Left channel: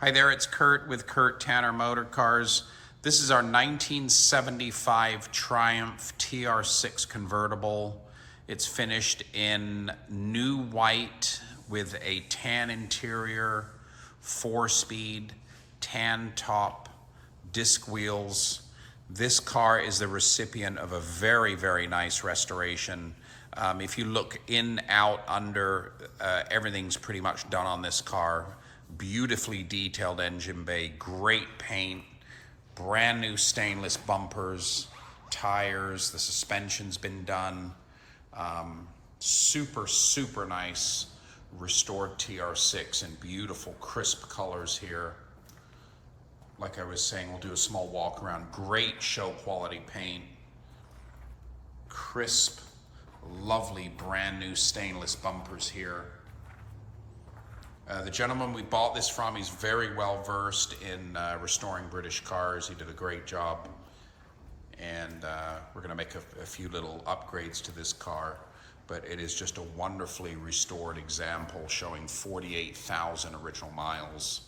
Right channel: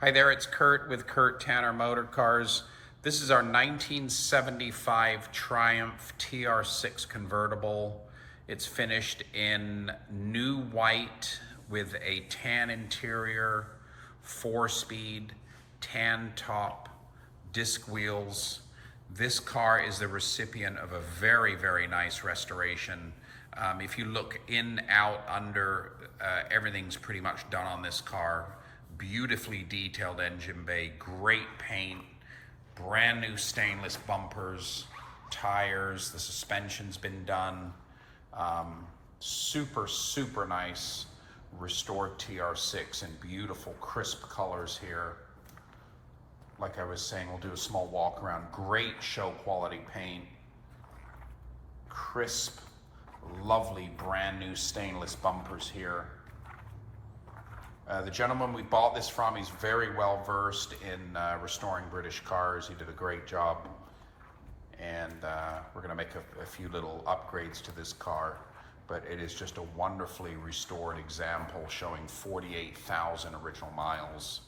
Hi there, it's Kurt with Kurt Tanner Motor Cars. This is our 1975 Triumph Tr6 Convertible. It's finished in new white with a tan interior, 4-speed, tan top, disc wheels. This car is the recipient of a very, very nice restoration. If you look in, out, under, everything's pretty much done on this car. Beautifully detailed engine bay, great paint, brand new stainless bumpers, tires, the suspension's been done. Super, super nice restored TR6 in beautiful crisp colors here. Like I was saying, we'll do a small walk around. Great show quality paint, crisp, lovely brand new stainless bumpers here. The gentleman we bought this from, he's very well versed in restoring British cars. He did a great job, and we're going to make a few little upgrades to this car, but it is just a wonderfully restored example showing 48,000 original miles.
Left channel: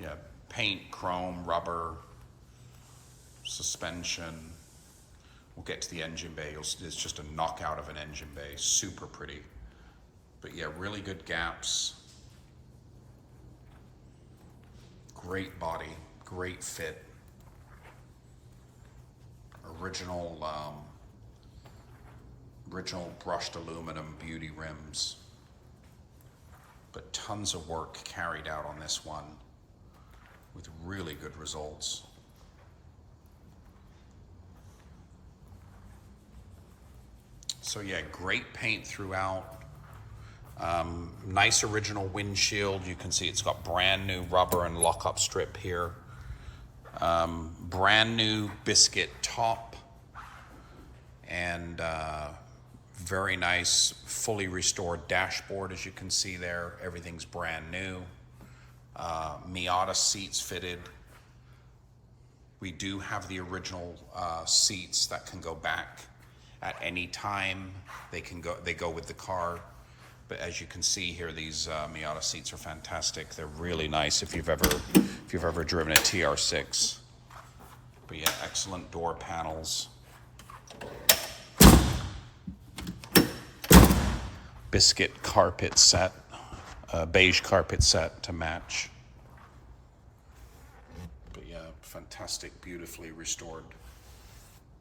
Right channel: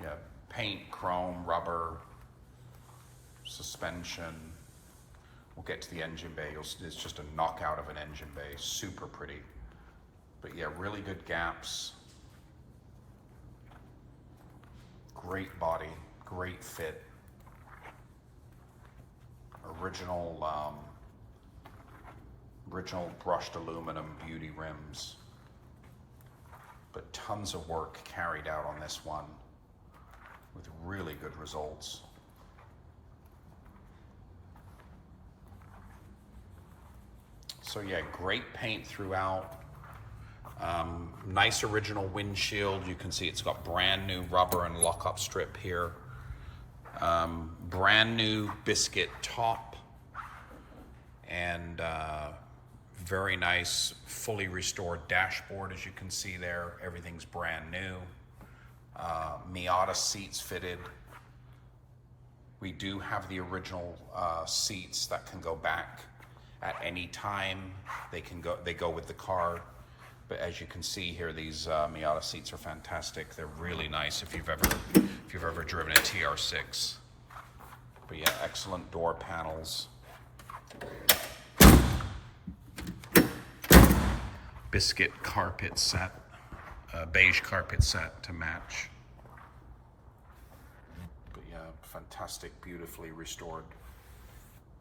Yeah, paint, chrome, rubber, suspension. We'll get to the engine bay. It's just a knockout of an engine bay, super pretty. But yeah, really good gaps. Great body, great fit. Original brushed aluminum beauty rims. But tons of work carried out on this one with really good results. So yeah, great paint throughout. Nice original windshield. You can see it's got brand new rubber and lockup strip here. Brand new Biscuit top, and very nice fully restored dashboard. As you can see there, everything's brand new. Miata seats fitted. We do have the original seats that can go back at any time. They go with the car. But as you can see here, these Miata seats are fantastic. They're really nice if you've ever driven a TR6. But yeah, excellent door panels. Biscuit carpet set, beige carpet set to match. But yeah, fantastic, beautifully restored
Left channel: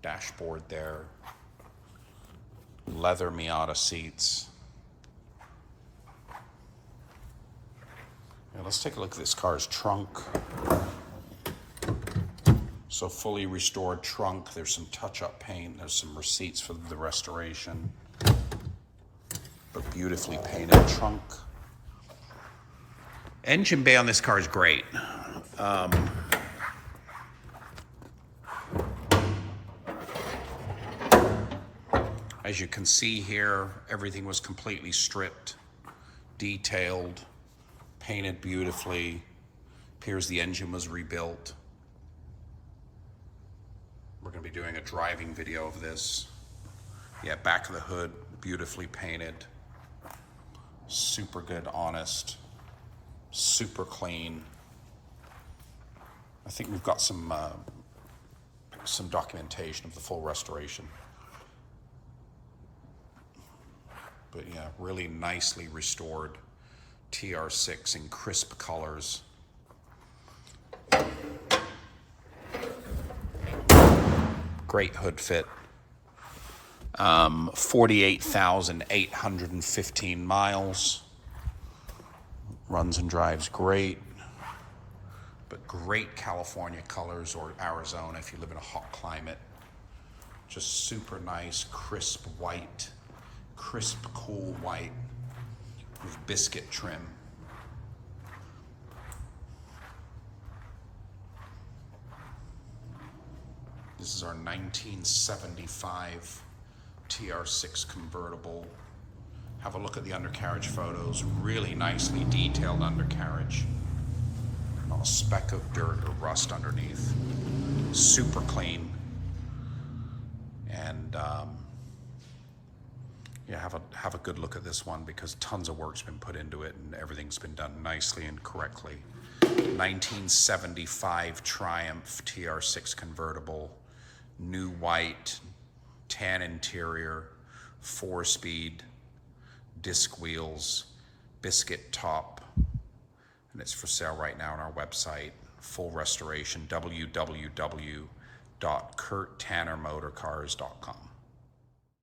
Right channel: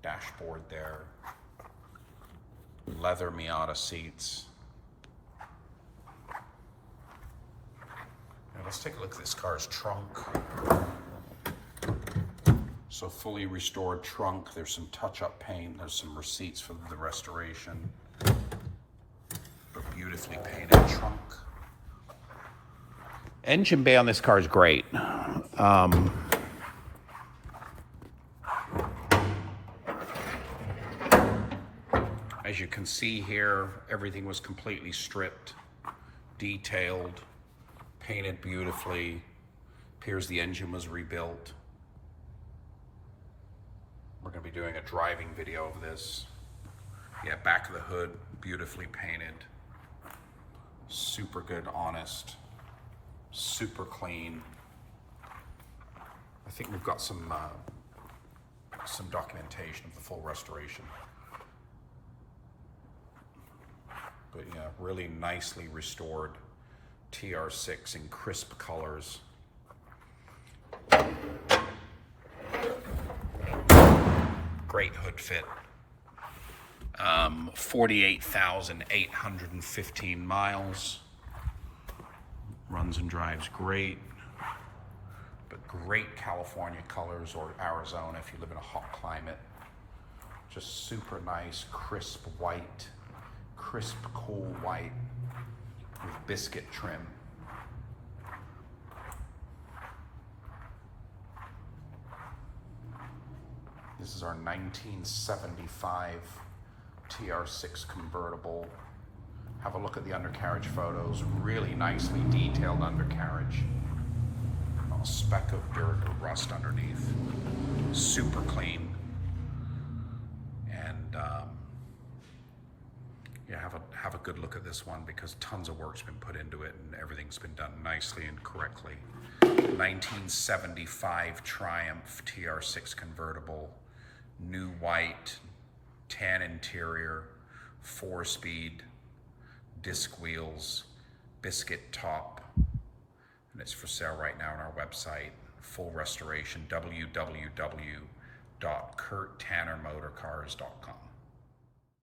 dashboard there. Leather Miata seats. Let's take a look at this car's trunk. So fully restored trunk. There's some touch-up paint. There's some receipts for the restoration. But beautifully painted trunk. Engine bay on this car is great. As you can see here, everything was completely stripped, detailed, painted beautifully. Appears the engine was rebuilt. We're going to be doing a driving video of this. Yeah, back of the hood, beautifully painted. Super good, honest, super clean. I think we've got some documentation of the full restoration. But yeah, really nicely restored TR6 in crisp colors. Great hood fit. 48,815 miles. Runs and drives great. But great California colors, or Arizona if you live in a hot climate. Just super nice, crisp white. Crisp, cool white with biscuit trim. This is our 1975 TR6 convertible. Have a look at the undercarriage photos. Really nicely detailed undercarriage. Not a speck of dirt or rust underneath. Super clean. And yeah, have a good look at this one, because tons of work's been put into it and everything's been done nicely and correctly. 1975 Triumph Tr6 Convertible, new white, tan interior, 4-speed, disc wheels, Biscuit top, and it's for sale right now on our website. Full restoration, www.kurttannermotorcars.com.